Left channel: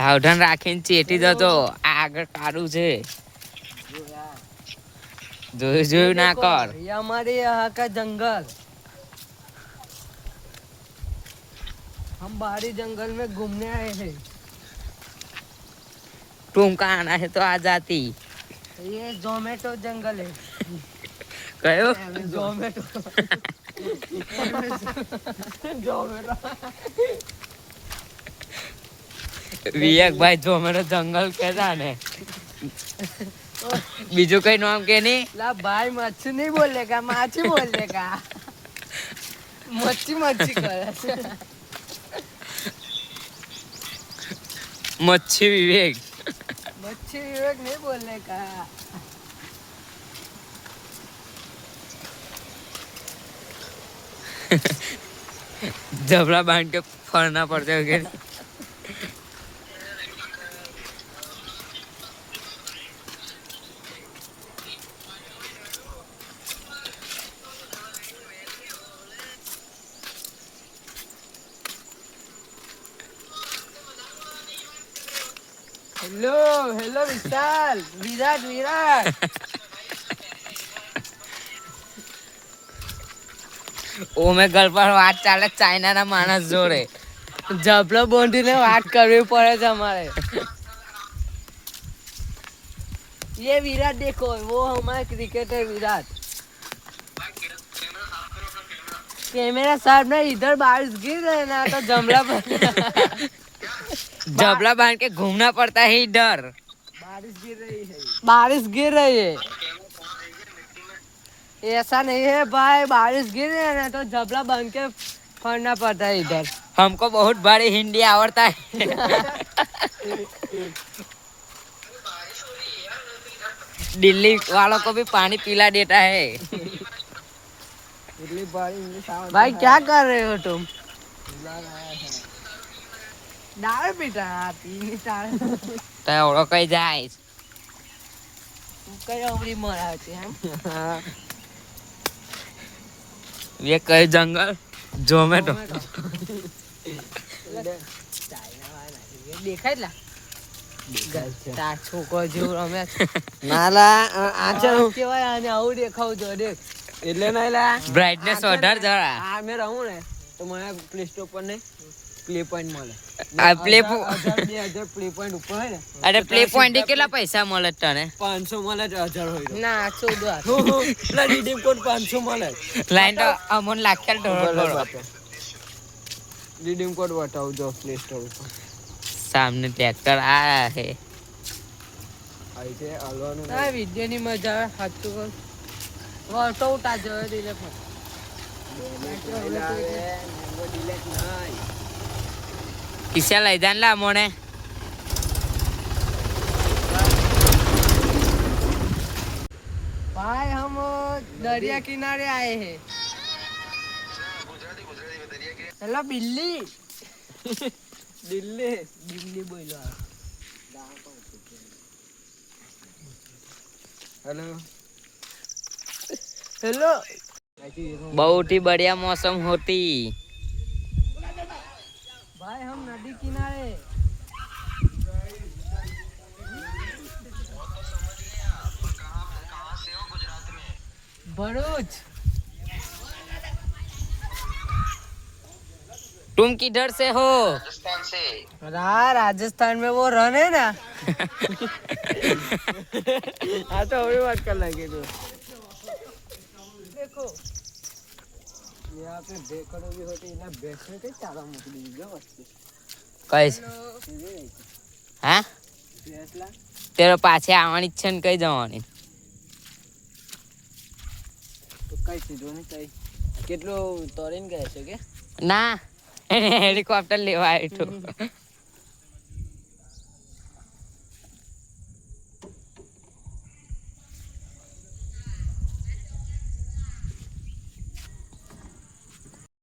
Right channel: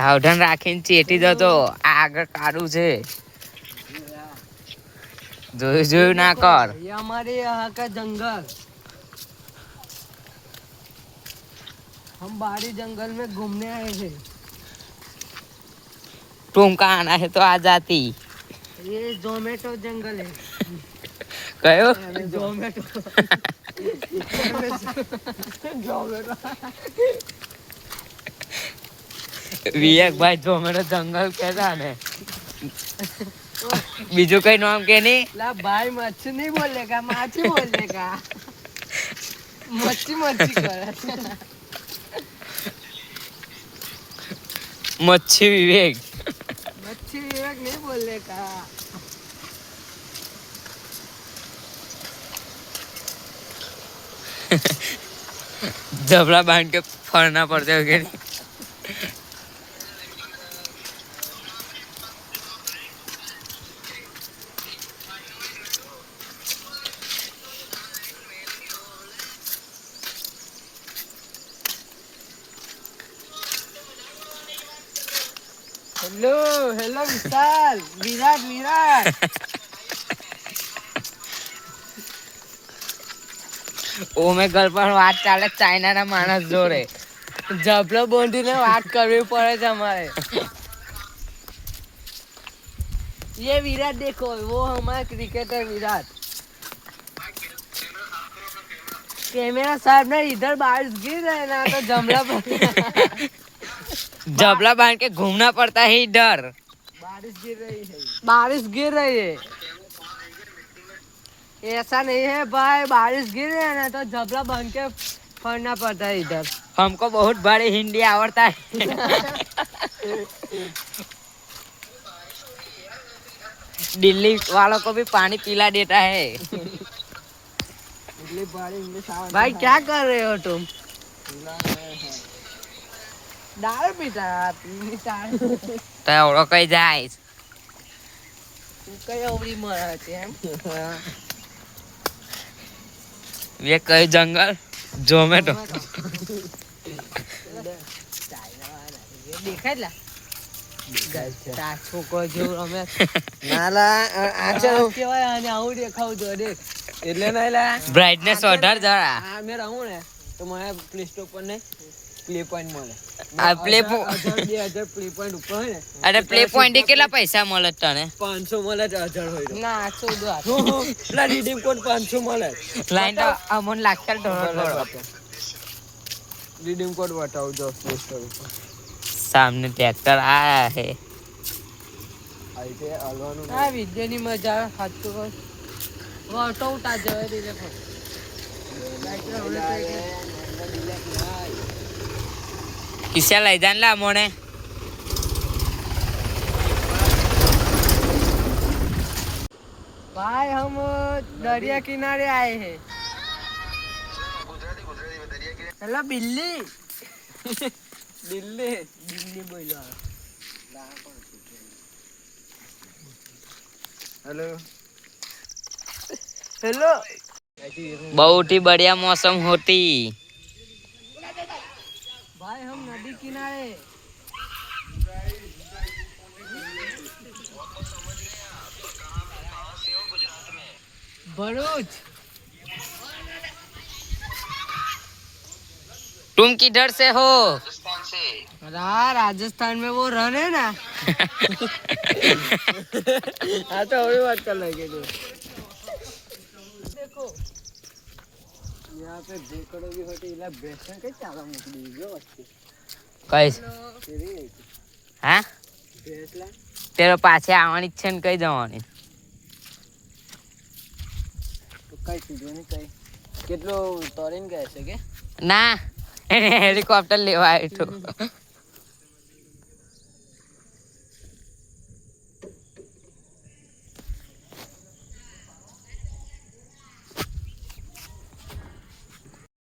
સાવધાન રાખીને ચેટી જતો આગળ કારું છે જોયું ના કર ये हमारे यहाँ का जंगल हम बाहरी जंगल में घूमने आए हैं तुम कहाँ आना है तो आ जाती ये जोमेटो जंगल है कहो जोमेटो વિવેક ભાઈ જોમેટો જંગલ કેતા ને બીજું કઈ નામ કે નહીં ला भाई मच्छी नहीं बोलेगा माछी बोलेगा मच्छी मच्छी करे મચ્છી વિવેક मच्छी विवेक नहीं बोलेगा जबड़ा बांध के फरना पड़ते हो क्या हेलो हेलो विशाल विराट विराट ઓમેગલ પર વાત ચાલે ચાઇના ના માણસ જોડે જબલો બોંધીને વાત કરવી પડે છે અમારે ये विराट देखो वो हमारा क्रिकेटर विराट कैमरा साहब ना इधर बारिश गिर रहे ना तो जमला जबला बांध के घूमना पड़ता है इधर बारिश गिर रही है ऐसा नहीं है भाई बारिश गिर रही है ना तो जबला बांध के फरना पड़ता है इधर हमको बहुत बड़ी हिंदी आवड़ता है दिल्ली वालों को भी पानी पिला देता है भाई क्या कर रहे हो तुम दारू पीता तो एवढं काही जाय उभी मराठी ये कई जंगल जोमेटो દેખાય લા છોકરો જેવું અમે નાલા આ કેવાય આને આવું દેખાવ જો દેખ એટલે નહીં લા બ્રાઇટનેસ વધાર જરા આ મે રહું ને તો મને પ્લે સ્ટોર પર નહીં પ્લે પોઈન્ટ મળે આ પ્લે 2000 પ્લે પોઈન્ટ ઉપર હે ને અરે પ્લે પોઈન્ટ કેટલા પૈસા મળે તને 500 મળે 1000 હોય ના 110 પેલા રીડીમ કોડ 500 મળે લાઈન તો અમોન લાખેલ ડોલર રીડીમ કોડ બતાવજો પ્લે સ્ટોર ઉપર सामने ट्रैक्टर आया है આઈતે આલવાનું આ વિડિયો ની મજા આવે હાચું વાટો ઉટા જોય દીલે પણ किसे लई जान ला मोने भाई हम दरिया किनारे आए हैं हेलो बिल्ली दिल्ली दिल्ली बोलो हेलो हेलो बहुत ही बढ़िया मौसम होती भाई हम नदी किनारे भरूच तुम किधर से हो राजस्थान से राजस्थान में वो रन है ना हाँ तो वही बात कर लगे तो देखो यहाँ पे देखोगी होती है ना बेसन के चाला मुकनी जो अच्छी कैसे हाँ बेसला तेरे पाछे આવવાની છે ને કઈ જવાની તો કઈ સીધું કઈ કેટલો તોરીને ગયા છે કે ના એને હેલિકોપ્ટર લેવા આવ્યો